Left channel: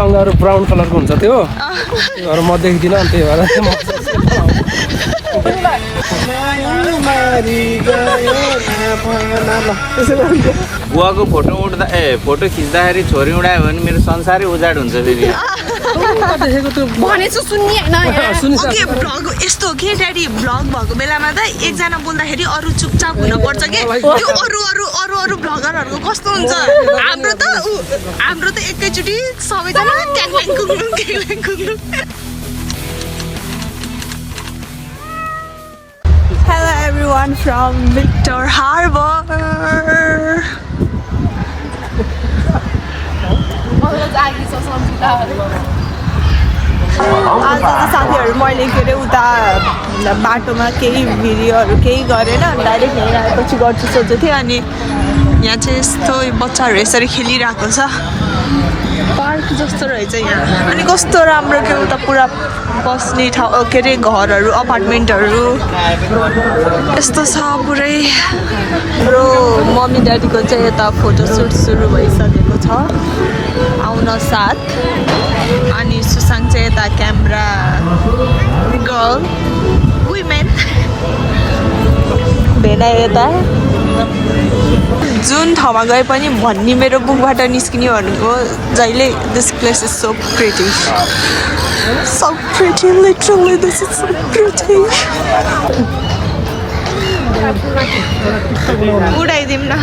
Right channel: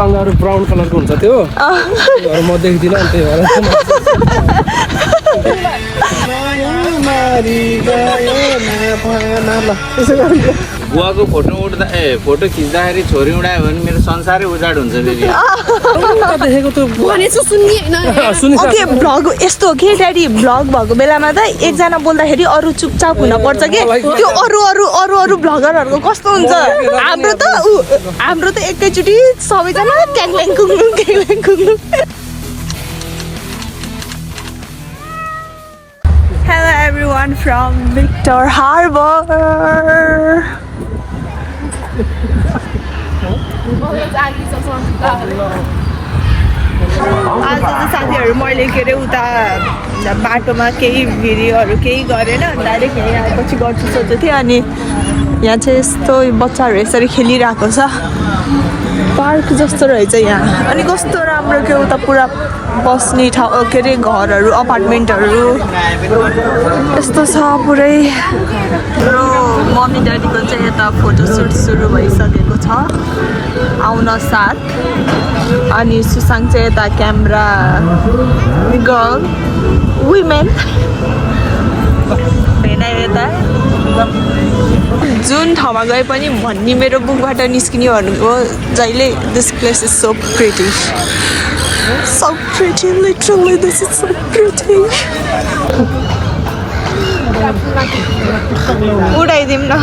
अङ्गाहरू brown कलरको हुन्छ त्योहरू म देख्दिनँ अनि त्यही भएर बुवाको फोटो उठ्दा फोटो खिच्दाखेरि छोरी उडायो भने मेरो संसारै उजाड हुन्छ फेरि भनेछु सुन्ने हैन ओके ब्लग यस्तो हो कि ड्याडी ब्लग भएको बेलामा त एकजना बोल्दाखेरि अरू चुपचाप हुन पर्छ के त्यो अरू अरू अरू अरू ब्लगरहरुको कस्तो हुन्छ हाम्रो त एकैचोटी सबैजना ट्याङल्याङ कुङलुङ Hello everyone from Victor Harbor. आज त साथीहरु मैले के रे उता बाटोमा केही भिडियोहरु केही गरेन डाइरेक्ट यहाँ आएपछि गर्छु सोचेको थिएँ अनि यहाँ चाहिँ यस्तो बच्चाहरु यसरी खेलिरहेको छ पार्क जस्तो रहेछ यहाँ अनि कस्तो राम्रो के उता पुरा बस्ने ठाउँ के रे घरहरु अपार्टमेन्टहरु यस्तो छ पुरै मेरो मम्मी ड्याडीको चाहिँ यता फोटोसुट सुरु भइसकेको छ आउन साथ अनि सुसाङ चाहिँ यता क्यामेरा गर्ल वुमेन भेना यता जुन ठाउँमा गए पनि भन्ने मेरो बुकबाट निस्किने भनेको जहिले this place is so pretty so pretty, literally this is so pretty. उडाइदिम न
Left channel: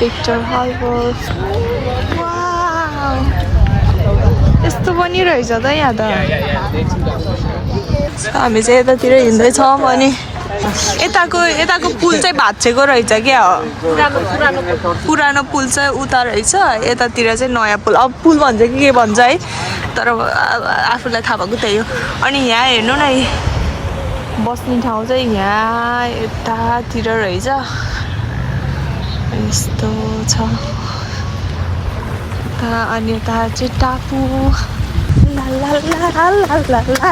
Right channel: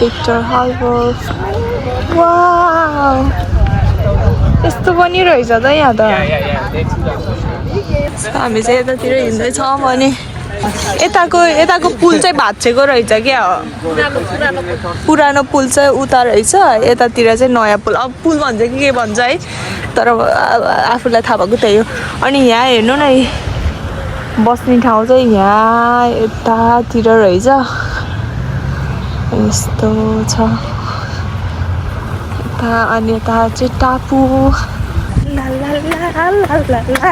Victor Harbor. वाउ यस्तो पनि रहेछ त यहाँ त हामी चाहिँ यतातिर हिँड्दैछौँ अनि यताको पुल चाहिँ भाँचिएको रहेछ क्या पुरानो पुल चाहिँ उता रहेछ यतातिर चाहिँ नयाँ पुल अब पुल भन्छ कि के भन्छ है तर आफूलाई थाहा भएको त्यही हो अनि यहाँ हेर्नु न बस्ने ठाउँ चाहिँ यहाँ यतातिर रहेछ यस्तो छ अनि यता चाहिँ टापु ला ला ला ला ला ला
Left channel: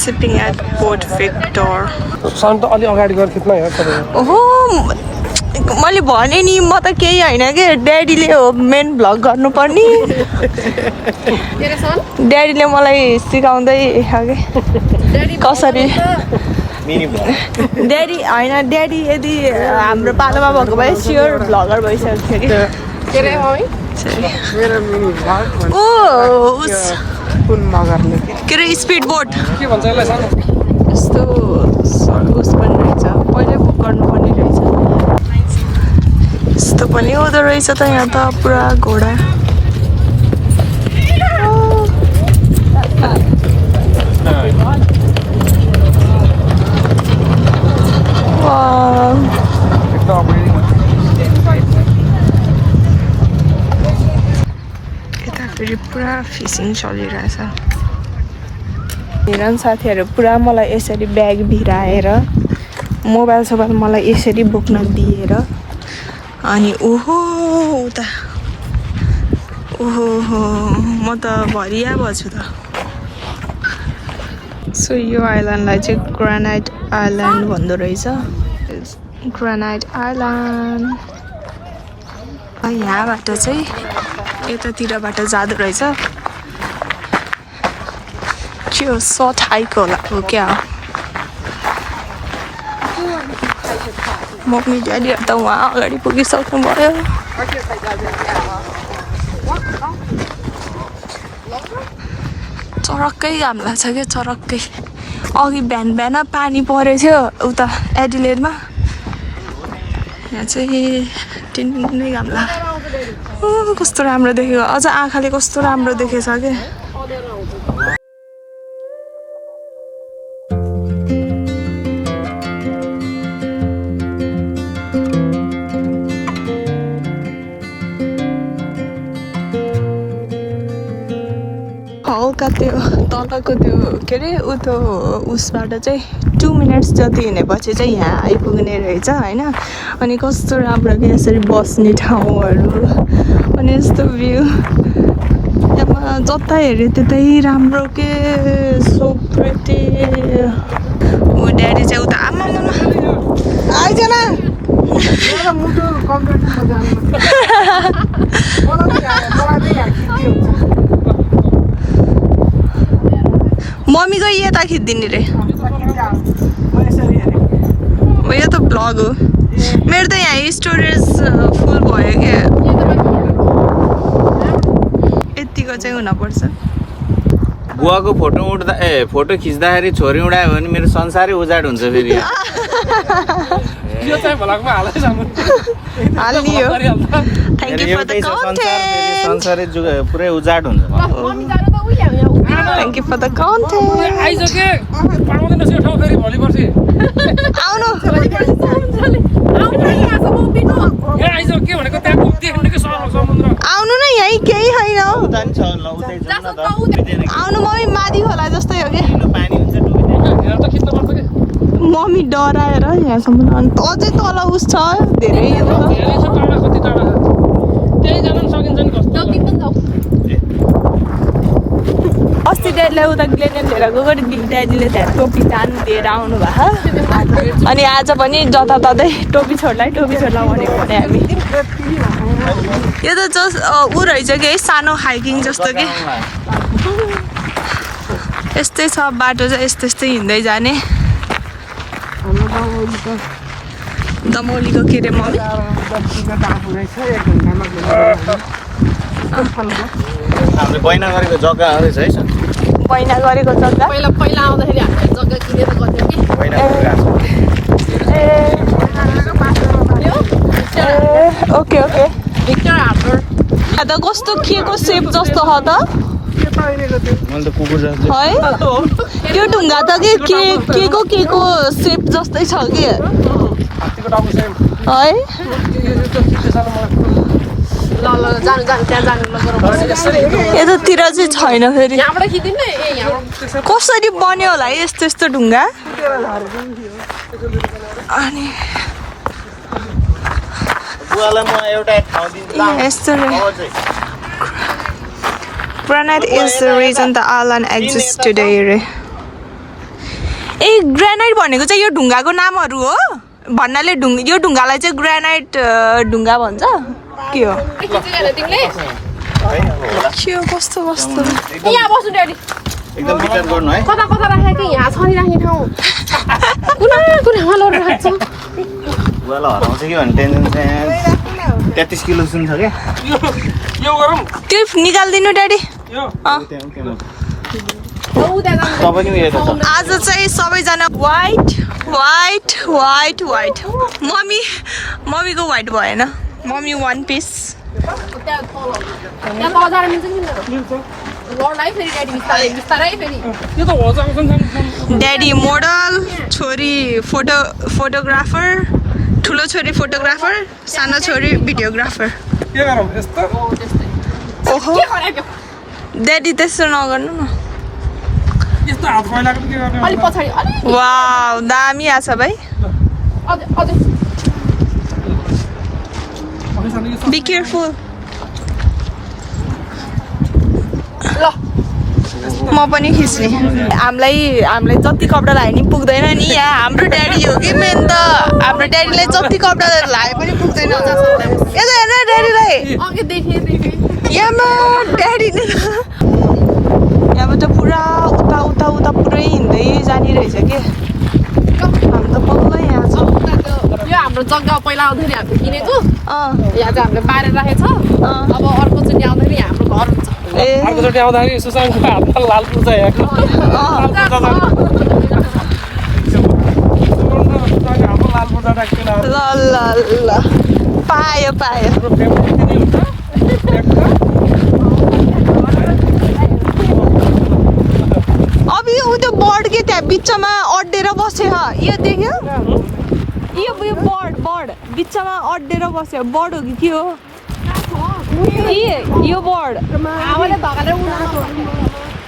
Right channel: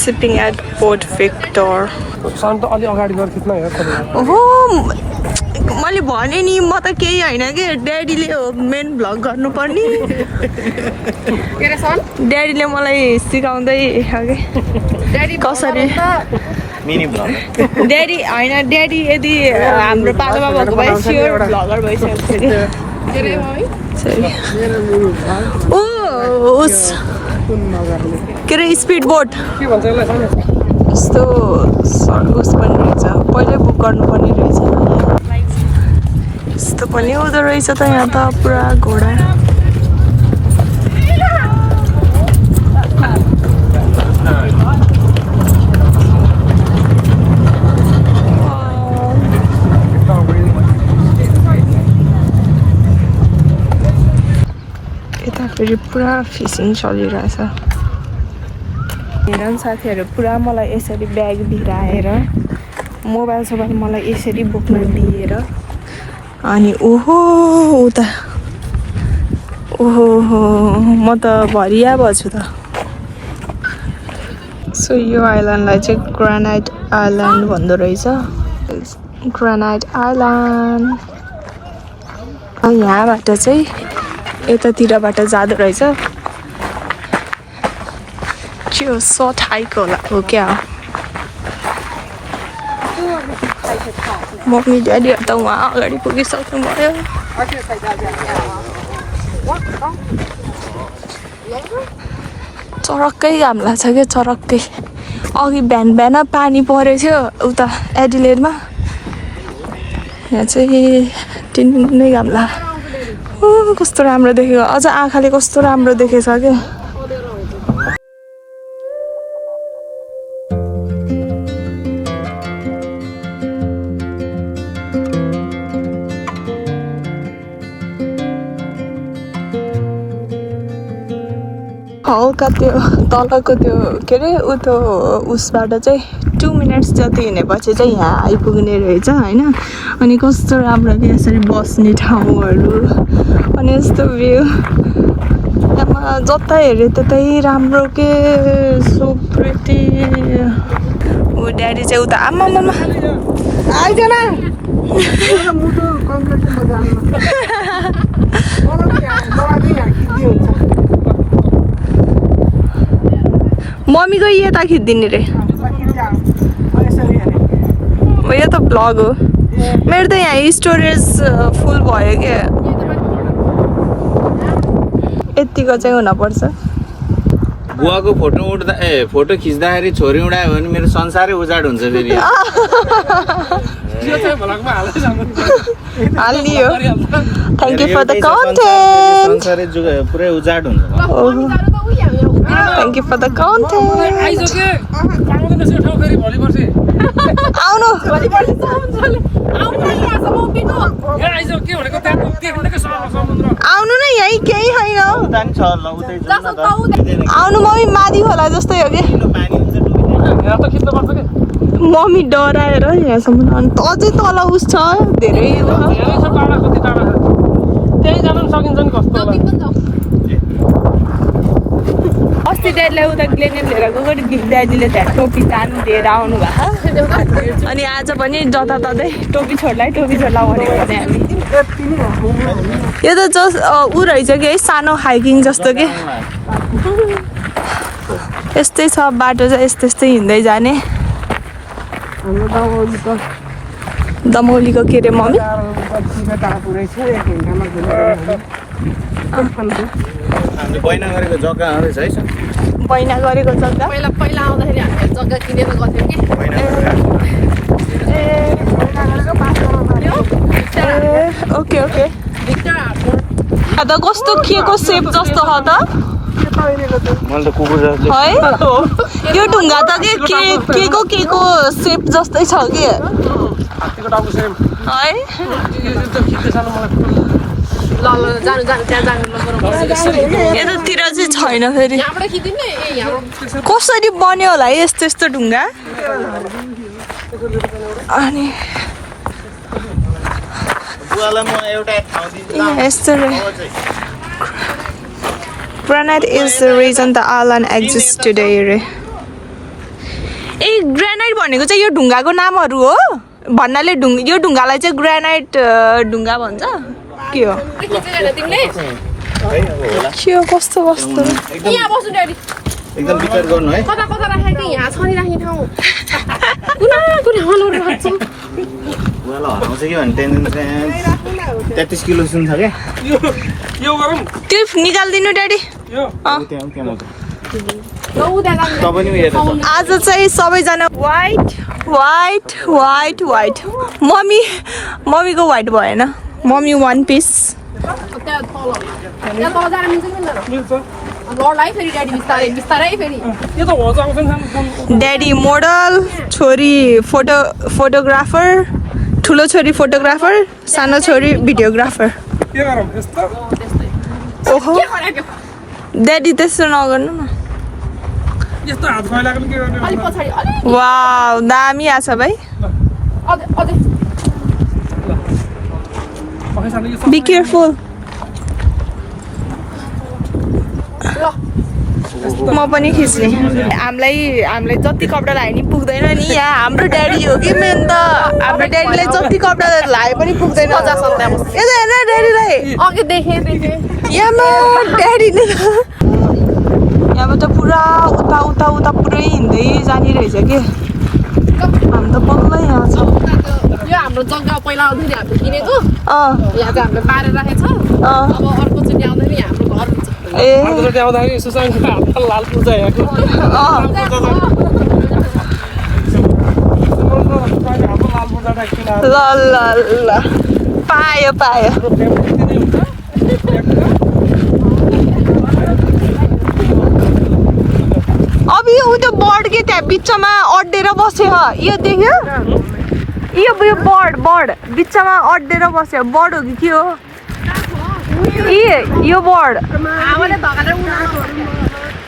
Sipping at Port Victor. ओहो मैले भने नि म त केही होइन कि ड्याडीले हो मेन भ्लग गर्नुपर्ने ड्याडीले मलाई सिकाउँदै कसरी ड्याडी होइन ड्याडी यदि हाम्रो पालोमा भएको भए स्योर भ्लगर भइसकेको थियो के अरे स्पिड बोट यस्तो उस पनि रहेछ पहिल्यै बुक गर्नुपर्ने रहेछ यस्तो पनि हुँदो रहेछ त यहाँ त पुरा घोडा यता फेरि पुरा फिसिङ चलिरहेछ हेर साथीहरु पुरा मलाई यसरी ब्याग भिराएर मोबाइल सोबाइल मलाई यसरी बोक्न दिएर अनि ओहो उता ओहो म त भरिया भछु त सो यो आइल्यान्डलाई चाहिँ ग्रानाइट आइल्यान्ड भन्दो रहेछ ग्रानाइट आइल्यान्ड यहाँबाट चाहिँ यतातिरबाट जाँदो रहेछ त्यो सर्ट हाइक होला हो क्या मम्मी ड्याडीहरू त उहाँ अगाडि पुगिसक्नु भयो चरक्कै घाम लाग्छ क्या चरक्कै अघि बिहान पानी परेको थियो उता एडिलेडमा यहाँ चाहिँ टिनै घाम लाग्यो कस्तो राम्रो देखेको अझ आँखाले कस्तो राम्रो देखेछ क्या हल्का त्यो तलको त्यो के अरे उतो उसबाट चाहिँ 2 मिनट्स जति हिँडेपछि चाहिँ यहाँ आइपुग्ने रहेछ होइन अनि कस्तो राम्रो कि यसरी बस्ने ठाउँहरू अनि यस्तो भ्यू यहाँ जता हेऱ्यो त्यतै राम्रो के सो प्रिटी ऊ ड्याडी चाहिँ उता आमा मम्मीको यता खिचिदिने रे यो त भ्लग हो मेरो त यहाँ स्टोरेज फुल भयो क्या यतिको चाहिँ हुनपर्छ बुवाको फोटो उठ्दा फोटो खिच्दाखेरि छोरी उडायो भने मेरो संसारै उजाड हुन्छ फेरि यो चाहिँ भ्लगमा हाल्दै जानु हालिदियो thank you for the content संसारै पुरै उजाड हुन्छ thank you for the content आइसके पाउँदैन त्यो ठाउँ फेरि भोलि पर्सि आउनु ए आइसक्यो के भनेको त्यहाँ देख्नु के समुद्र आउनु न यहीँ केही छैन आउनु मम्मी माथि होला जस्तै हो कि यहाँ त खिच्नु पर्छ कि मम्मी डराएर यहाँसम्म अन्त अझै तल उस छ धेरै यहाँ छ टाढा कति टाढा छ त्यही जानु सकिन्छ नि कस्तो अस्ति ड्याडीलाई उता ग्लेनेट लिएर गएको ड्याडीले त्यहाँ टोपी तान दिएर आउनु भएको अनि आज पनि जताततै टोपी छोड्ला भनेको भने हामी यो त जस्ट ऊ रहेछ कि है सानो हाइकिङ जस्तो कि यस्तै छ बाटो चाहिँ यस्तै हिँड्दै जाने दमौलीको के अरे मल बैना गरेको जग्गा आउँदैछ है बैना गरेको जग्गा पहिला आउँदाखेरि हामीले जग्गा किनेर गर्थ्यौँ कि ओके ओके भिक्टर हाम्रो त कस्तो के को सेप जस्तो हो त मैले त कुकुर जस्तो है त्यो ढुङ्गा त के को सेप जस्तै छ कि है ल जानु त्यहाँ जानु यतातिर चाहिँ छैन फेरि यहाँबाट खिचिदिउँ न यहाँबाट कसरी बन्यो होला है यस्तो ढुङ्गा अनि यस्तो Granite is the reason the island exists today रे ए ग्रेनाइट भनेको चाहिँ यो ढुङ्गाको नामहरू हो भन्नाले यो ढुङ्गालाई चाहिँ ग्रेनाइट ढुङ्गा भन्छ के हो के हो कस्तो यहाँ बस्नु ड्याडी एकदम विचार गर्नु है कता राखेको थिएँ यहाँ छरिराख्ने ठाउँ कुनै हलो राख्छु बुवालाई हराउँछ कि भन्ने टेन्सन चाहिँ 33 किलो सुन छ क्या यो गरौँ क्लिप निकाल्दिनु ड्याडी यो आज चाहिँ सबैजना वाइट मम्मीको वाइट भएन मम्मी वान पिस त्यहाँ तल जान मिल्छ कि मिल्दैन लडलाई फेरि ड्याडी बिस्तारै फेरि यो त हो जाउँछ नि ड्याडी मोडल छोरी फोटोग्राफर ठुलो छोरी फोटोग्राफर सानो छोरी भिडियोग्राफर के गरौँ यस्तो ओहो ड्याडी त्यस्तो नगर्नु न यस्तो हात फैलाएको के गर्ने अलि पछाडि अलि वाउ दामी आछ भाइ अझै बी केयरफुल म पनि खिच्ने हामीलाई जति कपडा लगाए नि पुग्दैन नि यहाँ हाम्रो ड्याडी हो कि मेन त हाम्रो ड्याडीलाई जति कपडा लगाए पनि पुग्दैन यता हेर्न ड्याडीलाई अघि देखेँ यहाँमा ड्याडीले यहाँबाट पुरा उता पुरै हिँड्दै जाने रहेछ कि हामी त बल्ल यहाँ छ यो हाम्रो जग्गा पहिला आउँदाखेरि हामीले किनेको अँ यहाँ चाहिँ हामीले बारेर राखेको छ अँ अब अर्कोचोटि आउँदाखेरि हाम्रो घर हुन्छ ए अर्कोचोटि आउँदाखेरि सुसाइडको हात लाल पुग्छ यहाँको लाल पुग्दा राख्दैन ल पायो अब यो त्यो बर्ड के त्यहाँ बिचमा अड्डेर बस्यो यो देख्यो यो बर्ड बिचमा अड्डेर बस्यो बर्ड हो कि के हो यो बर्ड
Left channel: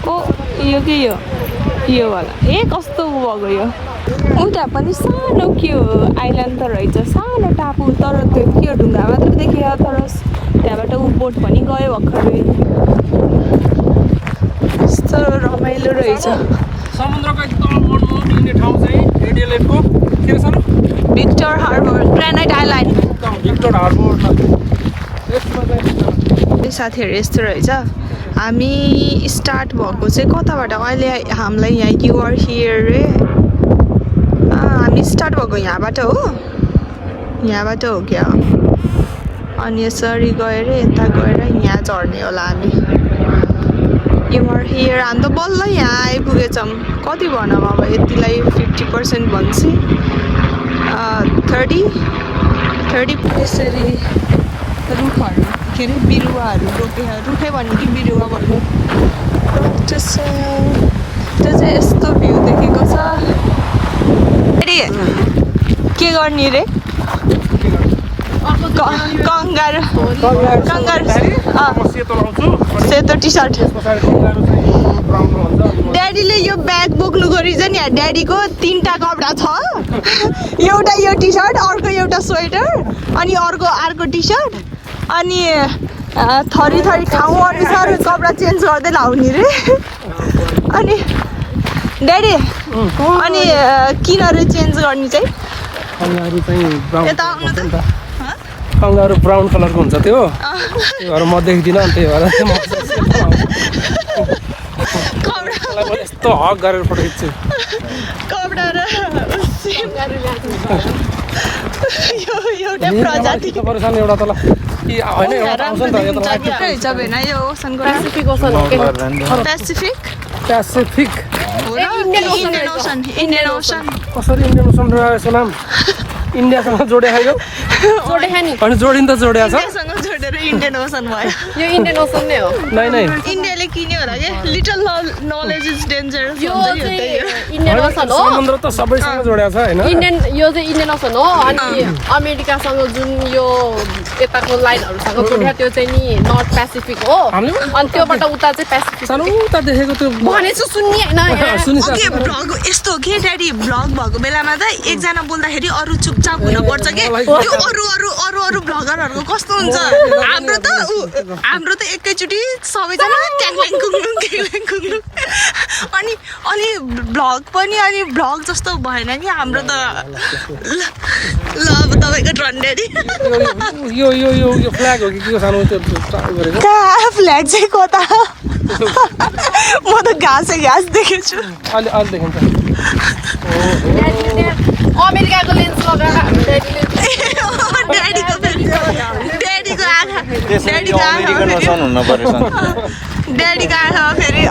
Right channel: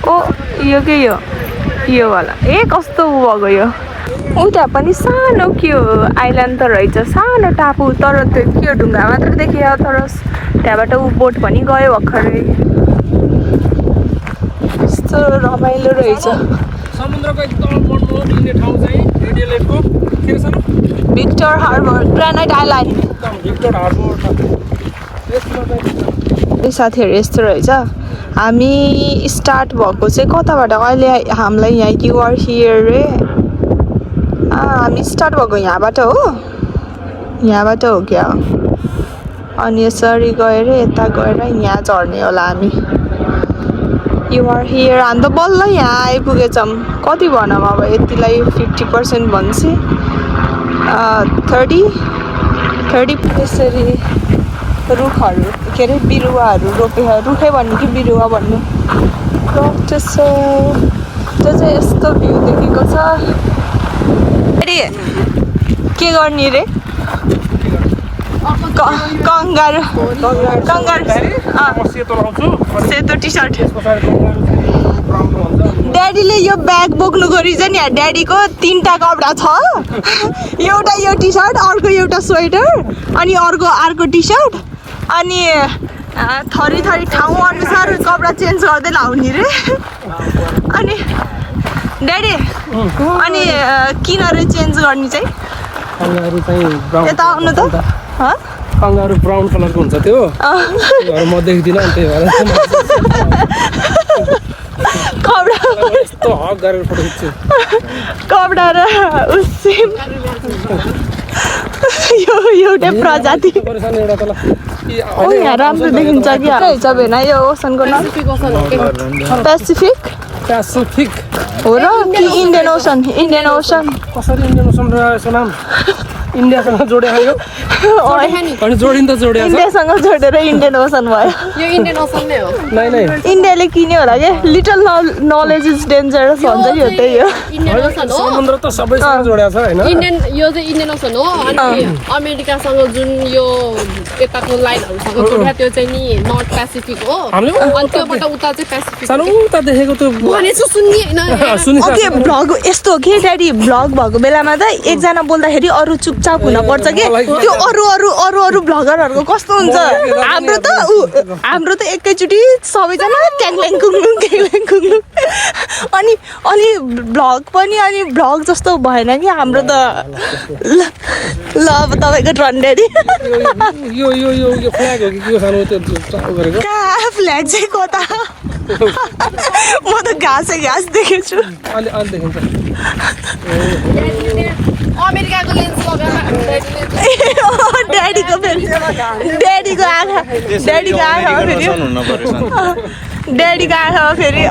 ओ यो के यो वाला ए कस्तो भएको यो उता पनि सानो के हो आइल्यान्ड त रहेछ सानो टापु तर त्यो के हो ढुङ्गा मात्र देखियो तर त्यहाँबाट ऊ बोट पनि गयो भर्खरै कस्तो रमाइलो रहेछ समुद्रको एकदम मनमोहक लिने ठाउँ चाहिँ रेडियोलेटको के छ भिक्टर हार्बर ग्रेनाइट आइल्यान्ड एकदम भिक्टर हार्बर यसमा चाहिँ साथीहरू यस्तो रहेछ हामी स्टार्ट भएको चाहिँ कताबाट अहिले हामीलाई यहाँ युआर हियर रे हामी स्टार्ट भएको यहाँबाट हो यहाँबाट हो क्या अनि यसरी गएर यता गएर यहाँ चढ्ने होला हामी युआर हियर हामी त बल्ल यहाँ आइपुगेछौँ कति भनौँ अब यतिलाई 50% भन्छ 30 यसरी रुखहरू के अरे बिरुवाहरू रोपे रुखै भन्नु कि बिरुवा भन्नु त्यो चाहिँ यस्तो भ्यू देखेको छ अरे के गर्ने रे कंगारू सेतो टी सर्ट ड्याडीले यो ब्याग बोक्नु गरिन्छ नि ड्याडीको 3टा कपडा छ एउटा यो टी सर्ट अर्को एउटा स्वेटर अनि अर्को टी सर्ट अनि थरी ठाउँ अनुसार कपडा चेन्ज गर्दै लाउने रे अनि ड्याडी अनि किन रे चेन्ज गर्ने चाहिँ कंगारू चाहिँ ब्राउन यता आउनु त कंगारू ब्राउन कलरको हुन्छ त्योहरू म देख्दिनँ अनि त्यही भएर कपडा यस्तो हक गरेर फोटो खिच्छु कपडा र एउटै प्रजाति एउटा तल होइन एउटा आउँछ नि त यो त रहेछ भेना यो ओसनको नाम पेसिफिक हो र इन्डियन ओसन कसरी इन्डियन ओसन रहेछ नाम इन्डियासँग जोडेको यो अनि जोडिन त जोडिया छ सँग जोडेर इन्डियन ओसन भयो यो इन्डियन ओसन नै हो नै इन्डियाले किन्यो होला क्या लिटल नलेज इज डेन्जरस भन्छ नि त्यही हो इन्डियन ओसन हो समुद्र त सबैसँग जोडिया छ हैन यो चाहिँ इन्डियन ओसन हो अनि अमेरिकासँग जुन यो यताको लाइनहरुसँग जोडिया त्यो चाहिँ नि नर्थ पेसिफिक हो अनि त्योबाट उता चाहिँ पेसिफिक सानो उता देखेको त्यो भनेछु सुन्नी हैन ओके भ्लग यस्तो हो कि ड्याडी भ्लग भएको बेलामा त एकजना बोल्दाखेरि अरू चुपचाप हुन पर्छ कि त्यो अरू भ्लगरहरूको कस्तो हुन्छ हाम्रो त एकैचोटि सबैजना ट्याङल्याङ कुङलुङ अनि भ्लग पनि अनि भ्लग जस्तो भएन कि हाम्रो त ल अब तपाईँको टर्न ड्याडी यो फ्ल्याग हो कि के सानो त्यो गरेको फ्ल्याग चाहिँ कता म त घाँस देखेछु अलि देखिन्छ अमेरिकाको लेन्स लगाएर ड्याडीको आँखा फेरि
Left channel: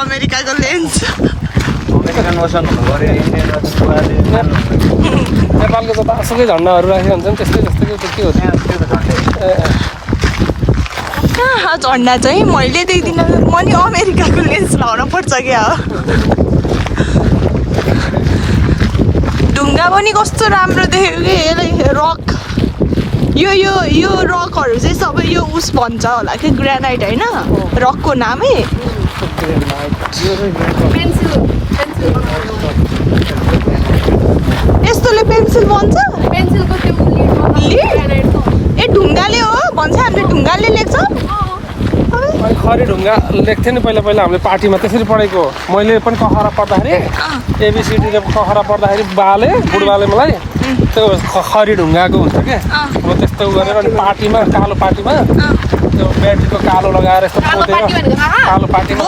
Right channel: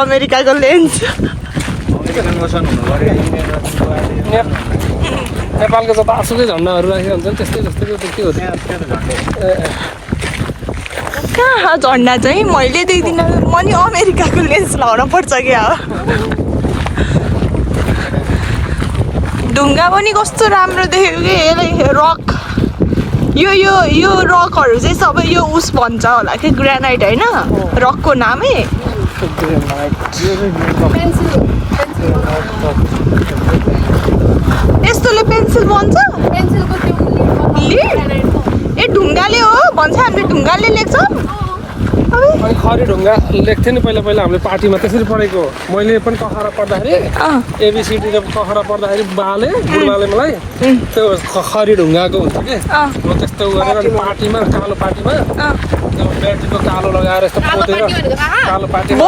अमेरिकाको लेन्स नेपालको त आसुकै झन्डाहरू राखेको हुन्छ नि त्यस्तै के हो कहाँ झन्डा चाहिँ मैले देख्दिनँ म नि अमेरिकाको लेन्स लगाउन पर्छ क्या ढुङ्गा पनि कस्तो राम्रो देखेको कि रक यो रकहरू चाहिँ सबै यो उस भन्छ होला कि ग्रेनाइट होइन रकको नामै यस्तोले पेन्सिल बन्छ पेन्सिलको त्यो ए ढुङ्गाले हो भन्छ हामीले ढुङ्गाले लेख्छौँ अनि खरी ढुङ्गा लेख्थेँ नि पहिला हामीले पार्टीमा त्यसरी पढेको मैले पनि कखरा पढ्दाखेरि एबिसिडीले कखरा पढ्दाखेरि बुढबाले मलाई त्यो खरी ढुङ्गाको हुन्छ कि म त्यस्तो गरेर अनि पार्टीमा कालो पार्टीमा त्यो ब्याट्रीको कालो लगाएर यस्तो पोतेर कालो पार्टीमा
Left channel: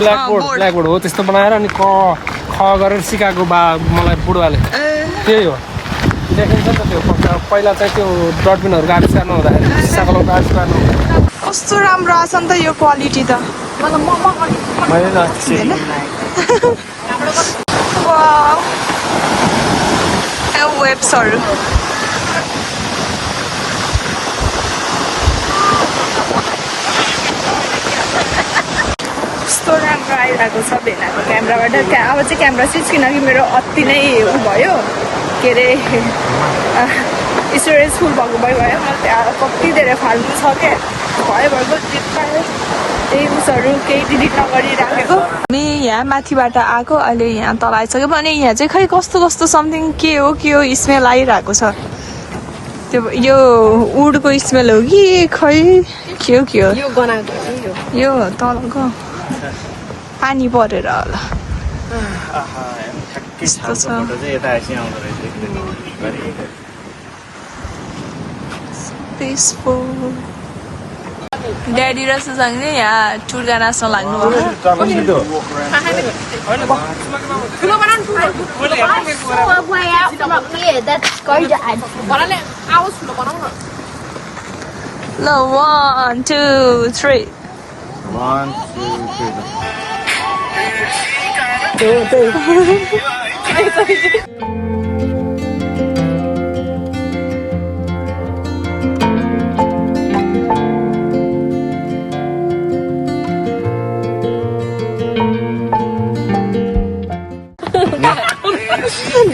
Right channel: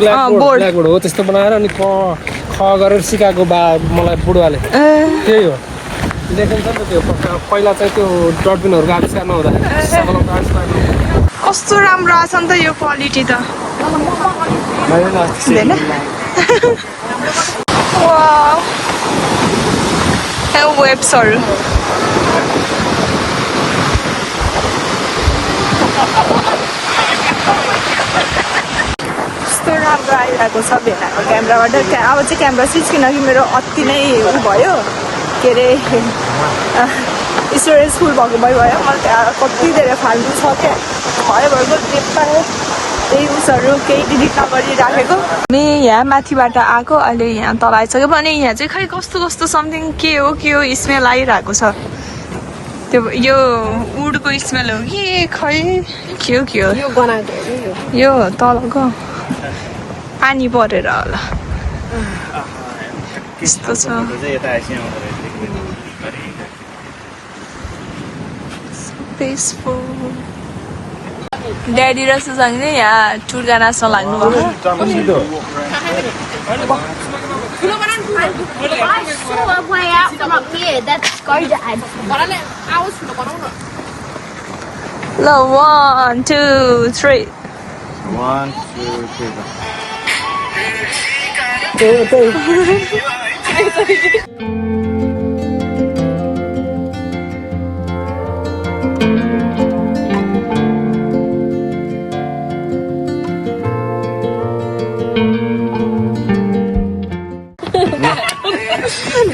ब्ल्याकबोर्ड हो त्यस्तो बनाएर अनि ख गरेर सिकाएको मलाई बुढवाले त्यही हो लेखिन्छ नि त त्यो पहिला चाहिँ त्यो डटबिनहरूको आविष्कार नहुँदाखेरि सकलमको आविष्कार कस्तो राम्रो आछ नि त यो क्वालिटी त वेब्सहरू कस्तो राम्रो आइरहेको छ भेनाको क्यामेराबाट अब चाहिँ क्यामेरा स्विच किनकि मेरो अति नै उ भयो के अरे स्टोरेज फुल भएको भयो मलाई त्यहाँ कति धेरै फाल्टु छ क्या भयो त्यही उसहरू केही डिलिट नगरी राखेको हामी यहाँ माथिबाट आएको अहिले यहाँ तल आइसक्यो भने यहाँ चाहिँ खै कस्तो समथिङ के हो स्मेल आइरहेको छ त्यो यो वुडको स्मेल हो कि खै के हो यो तलको पानी परेर होला यस्तो छ पिसफुल ड्याडी र सुसाङले यहाँ टुर्गा नाच्न लाग्नु भयो ल 1 2 3 1 2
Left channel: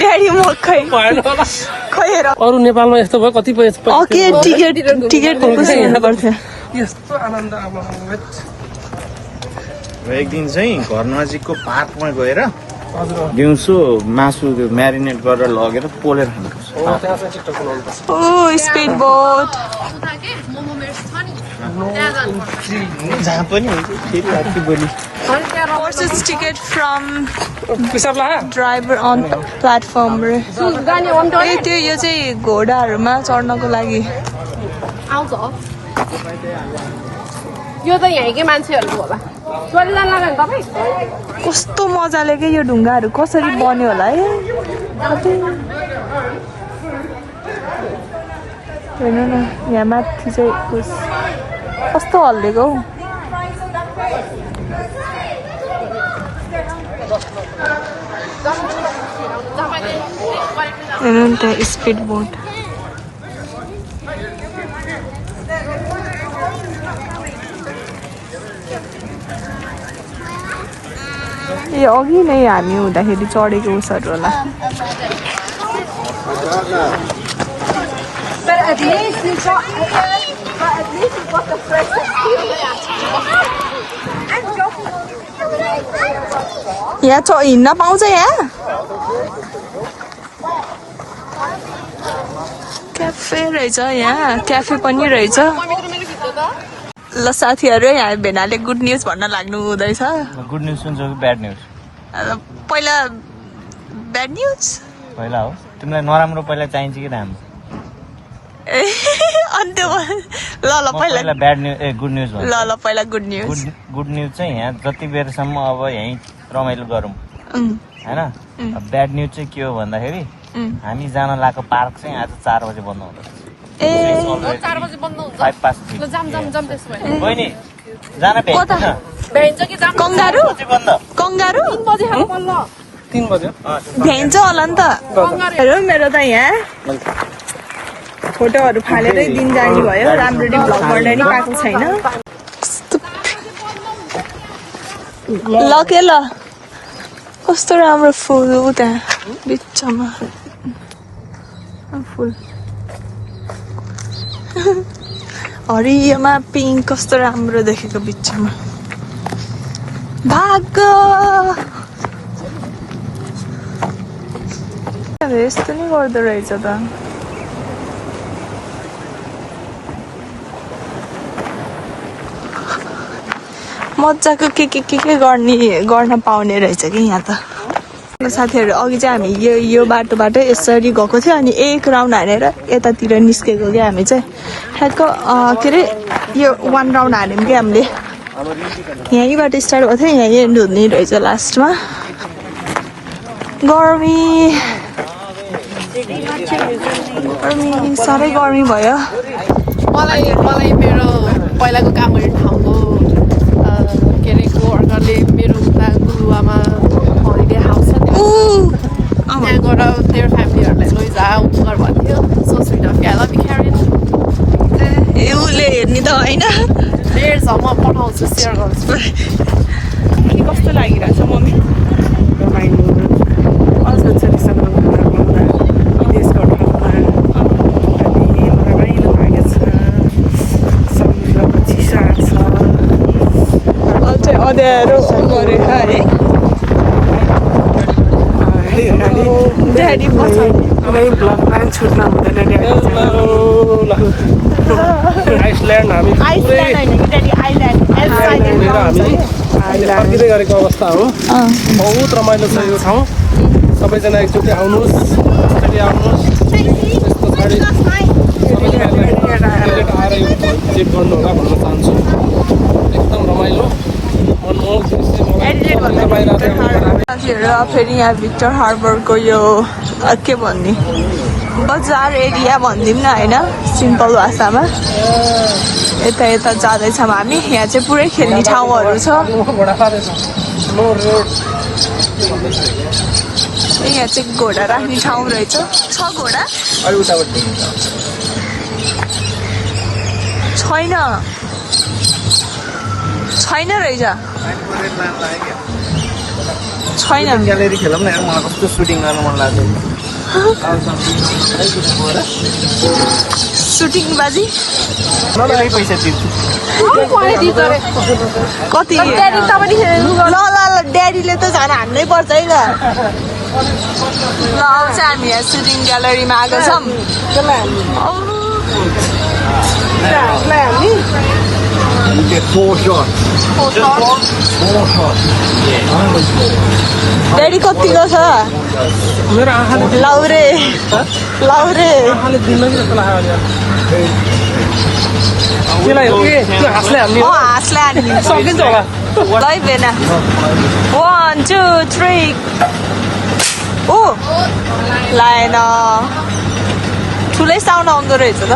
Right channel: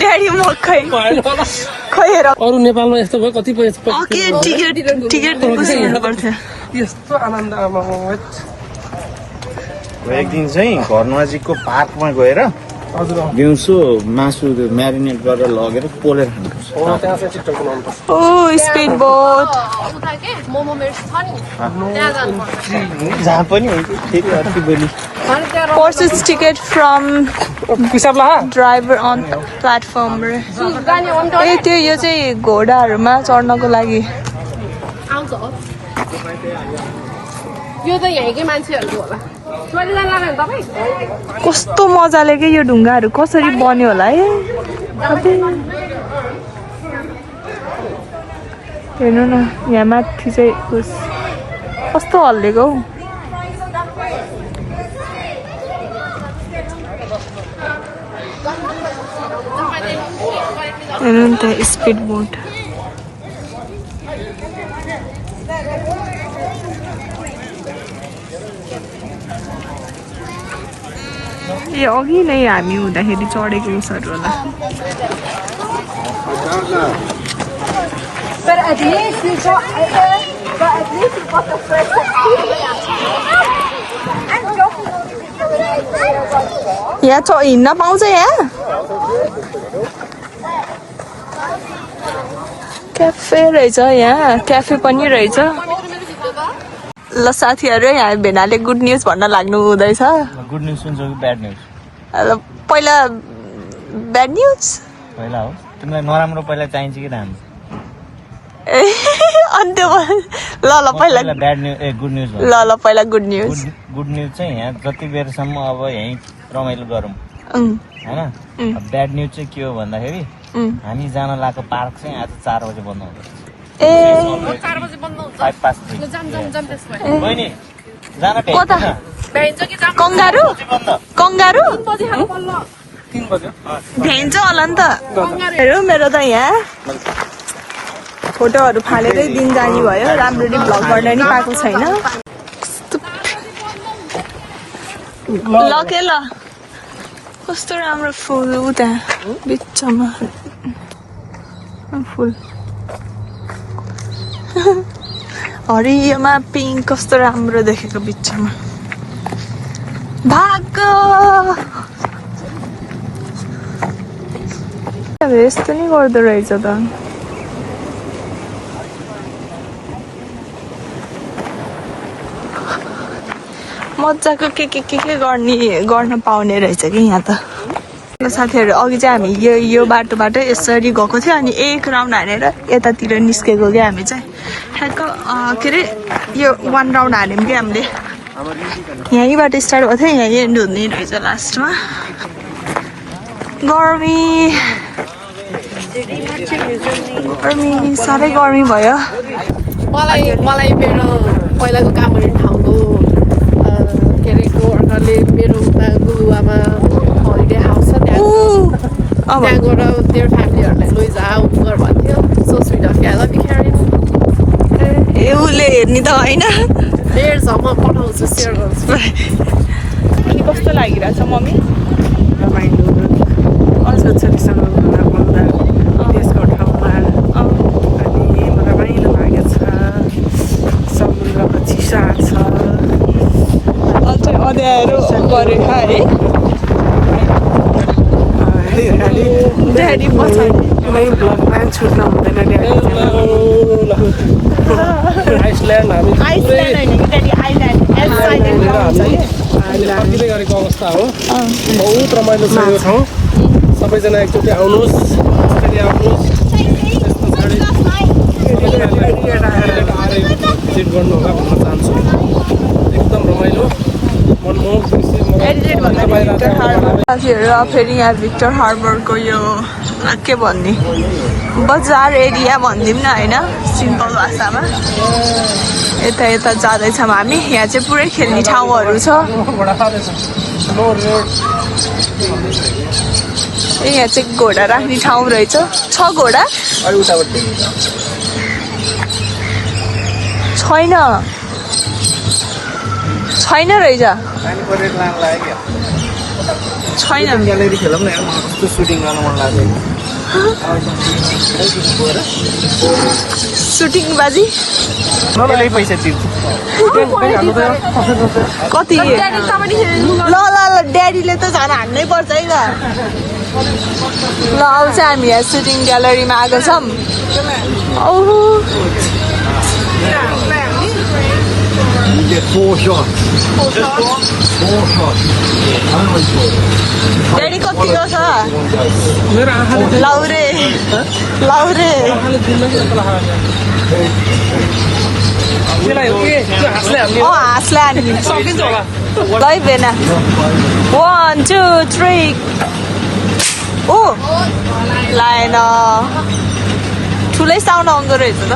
ड्याडी म खै खैर अरू नेपालमा यस्तो भयो कति पैसा ओके टिकट कसरी हेर्नु पर्थ्यो यस्तो आनन्द आमा एक दिन चाहिँ घर नजिकको पार्कमा गएर दिउँसो मासु त्यो म्यारिनेट गरेर लगेर पोलेर खानुपर्छ त्यहाँ चाहिँ छिट्टो बनाउनुपर्छ ओ स्पिड बोट मोमो मेरो छ नि त्यहाँ जानुपर्छ जहाँ पनि हुन्छ फेरि अर्को बोली purchase ticket from पिसाब ला driver on platform ए त्यो यो चाहिँ घोडाहरूमा चढ्नको लागि आउँछ यो त यहीँकै मान्छेहरूको होला चलिरहनु लाग्यो नि तपाईँ कस्तो मजाले के यो ढुङ्गाहरू कसरी बन्यो होला है अबे हेर्नु न यहाँ माथि चाहिँ कस्तो हल्लेको हौ हेर्नु नि त्यहाँ स्पिड बोट ए अघि नै हामी हुँदाखेरि चढेको उसहरू होला यहाँ हिँड्न पाउँछ यहाँ क्याफे रहेछ यहाँ क्याफे पनि रहेछ ल साथीहरू यहाँ भेनाले गुड न्युज भन्न लाग्नु हुँदैछ गुड न्युज सुन्छ कि ब्याड न्युज पहिला ब्याड न्युज पहिला हो तिमीलाई नराम्रो पहिला चाहिन्छ कि राम्रो ए अनि त्यो ल पहिला bad news a good news ल पहिला गुड न्युज गुड न्युज चाहिँ यहाँ जति बेरसम्म अब यहीँ रमाइलो गरौँ होइन ब्याड न्युज चाहिँ के हो भन्दाखेरि हामी जान लागेको पार्क चाहिँ आज 4 बजे बन्द हुँदैछ ए 5 past 3 बहिनी जान भेट्दैन कंगारू कंगारू 3 बज्यो भ्याइन्छ होला नि त हेरौँ मेरो त यहाँ फोटोहरू फालेरै दिन जाने भयो राम्ररी भ्लग गर्न नि पाएको छैन ल के ल कस्तो राम्रो फुल उता बिचमा फुल हरियोमा पिङ्क कस्तो राम्रो देखेको बिचमा भाग यस्तो नि गर्दो रहेछ त मजाको के गर्न पाउने रहेछ कि यहाँ त साथीहरू अघि चाहिँ हामी यो बाटोबाट यसरी गएको थियो अनि एक राउन्ड हानेर यतातिर निस्केको क्या हामी चाहिँ ठ्याक्क के अरे यो 1 राउन्ड हाल्यौँ कि हामीले यहीँबाट स्टार्ट भएको थियो यहीँ एन्ड हुने रहेछ लास्टमा गर्मी साह्रै गर्मी भयो मलाई मेरो पहिलाको काम गर्ने ठाउँको के अरे कोवर्करले मेरो उता गुलुवामा हलिडे हाउस छ त्यहाँ गएर तेरो फ्यामिलीहरूलाई लैजा उगर भन्थ्यो so sweet of I love you caring उसले हेर्ने त होइन डेढ म पठाउँछु सेयर गर्छु अनि कस्तो लागिरहेछ मम्मी रमाइलो छोरीसँग पाउँदा देशको ठाउँमा अनि रमाइलो लागेको छ समुद्रको चिसा छ अझै अँध्यारो गरेर है ड्याडी पछाडि कुनै ब्लगमा छुट्न हुँदैन ड्याडी आइसल्यान्ड हामी आइसल्यान्ड घुमेर हामी अहिले फर्किँदै गरेको अवस्था हो बहुत रमाइलो छ यो ठाउँ सबैजना एकचोटि आउनुहोस् अस्ट्रेलिया आउनुहोस् त्यस पछाडि आएर भिजिट गर्नु होला भन्न चाहन्छु एकदम रमाइलो मनमोहक साथीहरू फेरि यहाँ भिक्टर हार्बरको यो के भन्ने बजार एरिया भनिदिउँ न होइन सिम्पल भाषामा यता यता जाँदैछौँ हामी यहाँ चाहिँ पुरै खेल्ने ठाउँहरू छ यहाँ चाहिँ घोडा राख्ने ठाउँ रहेछ 6 घोडा छैन रहेछ छैन ग्यालेरी खेलौँ न मलाई कस्तो सुटिङ गर्न मन लाग्छ सुटिङ बाजी त्यसले पैसा तिर्छु कति ल ड्याडीले त झन् हान्नै पर्छ है ल अब चाहिँ हामी यहाँ सुटिङ ग्यालरीमा आएको छौँ ड्याडी कतिको छ लाउरे हाँसले हानिदिन्छ लै बेन 1 2 3 ओ लाएन ठुलै साउन्ड आउँदो रहेछ त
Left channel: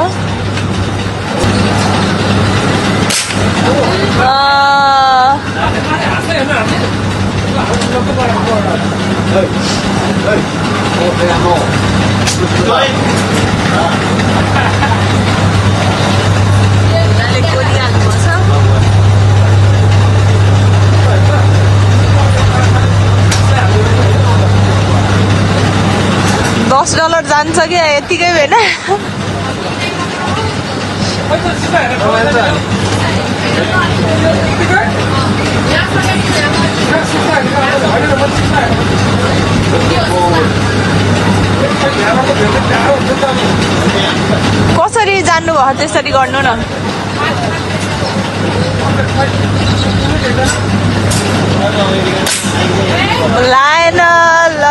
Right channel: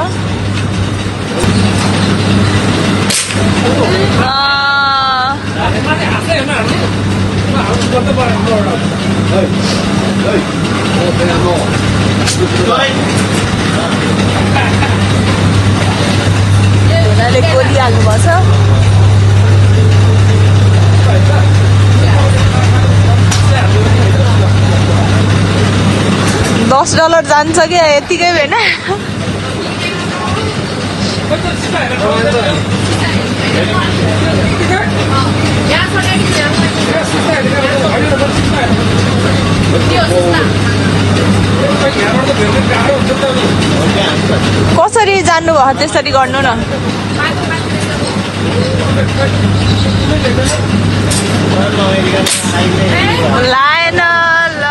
गोली हाल्नुपर्छ $10 जान्छ कि यतिकै होइन कसरी जान्नुभयो त्यसरी गर्नु न लाएन ल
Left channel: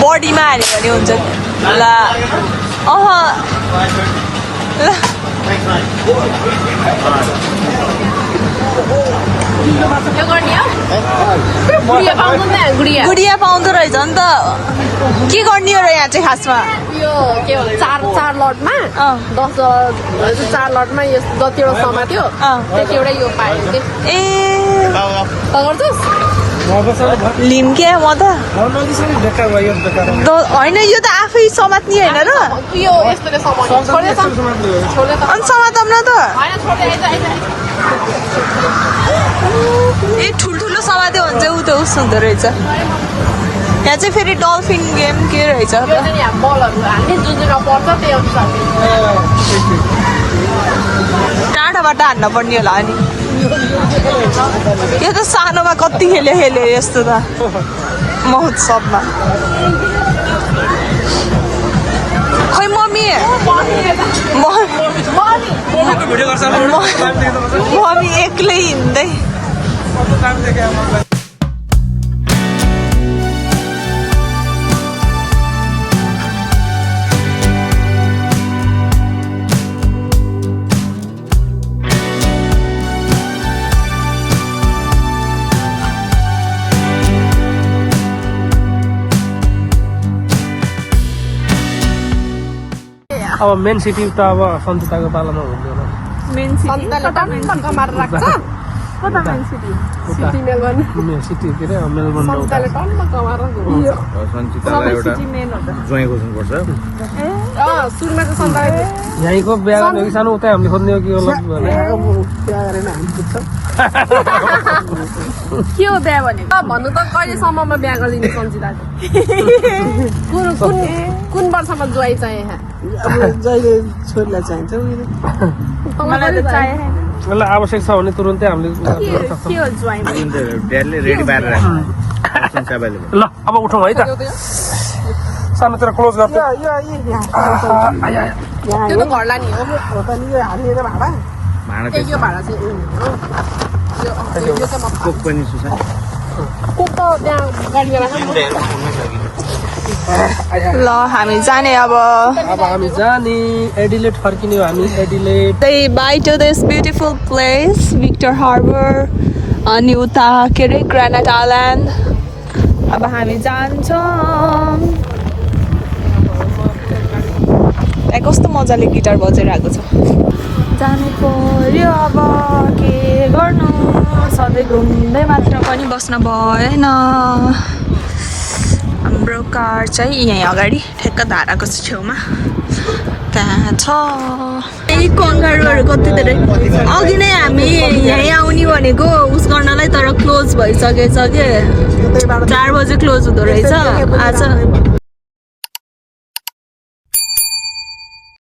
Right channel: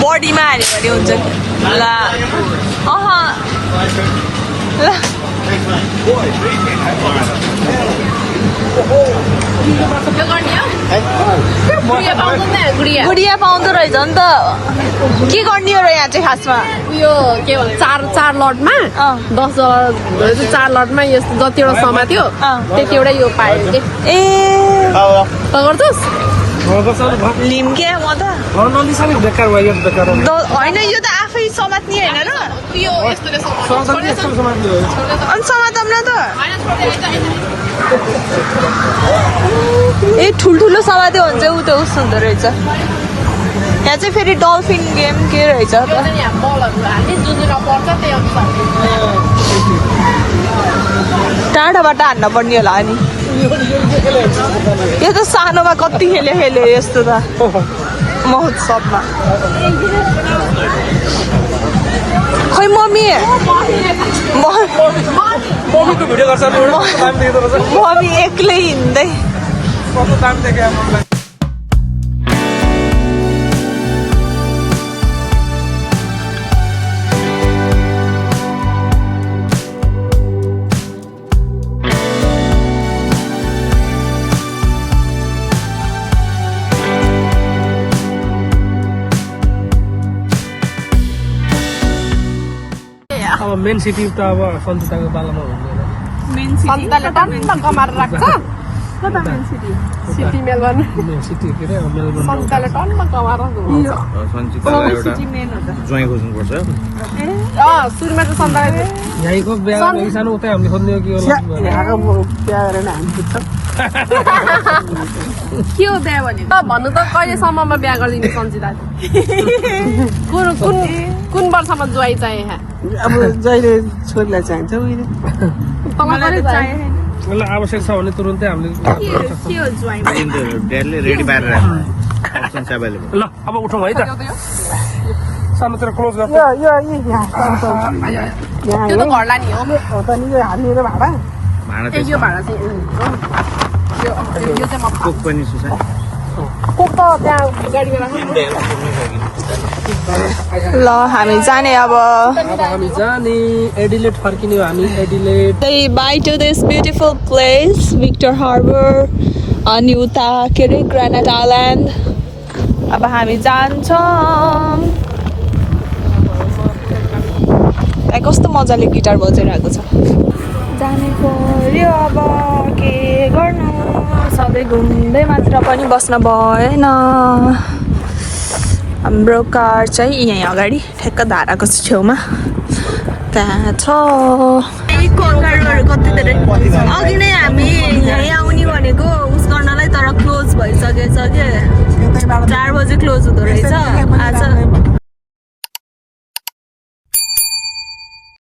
बडीमा हाल्यो भने हुन्छ ल गुडिया पाउँदो रहेछ नि त के गर्ने हो र यहाँ चाहिँ खासमा यो के भन्छ चार लटमा 10 4 लटमा यो जतिवटा समात्यो त्यतिवटा यो पायो ए गर्छस् लिम के म त होइन यो त आफै समात्ने होइन र यो यस्तोले समात्यो अनि समातम न त ए ठुल्ठुलो समात्यो भने चाहिँ ऊ त उस हुँदो रहेछ यहाँ चाहिँ फेरि डल्फिन गेम के रहेछ त टाढाबाट हान्न पर्ने होला नि यो त सानोमा कति खेल्यो यस्तो त महोत्सवमा खै मम्मी मम्मी एक्लै हिँड्दै अब मेन सिटी त अब सञ्चिताको पालामा हुँदैन मेन सिटी कमाएर राख्छ कता main city city Melbourne city के अरे मेलबर्न सञ्चिताले टन्न कमाएर सञ्चितालाई एउटा ज्वाइँ खोज्नुपर्छ सुरुमा चाहिँ सन्तरा यहीँको बिहा सानो उतै हामीले खोज्ने हो कि होला बिहा गरेन हामी बुझ्छौँ के हो बिहा भनेको भन्नु त कहिलेसम्ममा बिहा गरिदिनु सन्जिता कुन कुन कुन वर्षमा ज्वाइँ चाहिँ यहाँ अब जहिले छोरीलाई चाहिन्छ मलाई त चाहिएन मलाई आवश्यक छ भने तुरुन्तै हामीले के हो ज्वाइँ ड्याडले रेडी पारेर राख्नु अप्सन्स एभाइलेबल ल अब उठौँ है त सानोतिर क्लोज गर्छ त्यो त घरलाई नि हो हो त नि यो हाल्ने र भाडा भाँडा ए यो भाडा चाहिँ यो चाहिँ म कोक पनि सुसा कुक त त्यहाँ गाडीमा राख्नु ल हामी जाने अब अब हामी जाने एडिलेट फर्किने हो हामी Adelaide Say bye to this beautiful place, Victor Harbor, अनि उता के अरे ग्रेनाइट आइल्यान्ड अब हामी जान्छौँ त्यहाँ कस्तो मजाले गिटार बजाइरहेको छ जानु पर्यो अब के गर्नु सधैँ घुम्दै मात्र पनि बस्न भएन हाम्रो कार चाहिँ यहीँ अगाडि ठ्याक्क धाराको छेउमा त्यहाँ छ कङ्गारुहरू कति धेरै अघि नै हामी यहीँ आउने भनेको उस गर्नलाई तर क्लोज भइसकेछ के 4 बजे क्लोज हुँदो रहेछ आज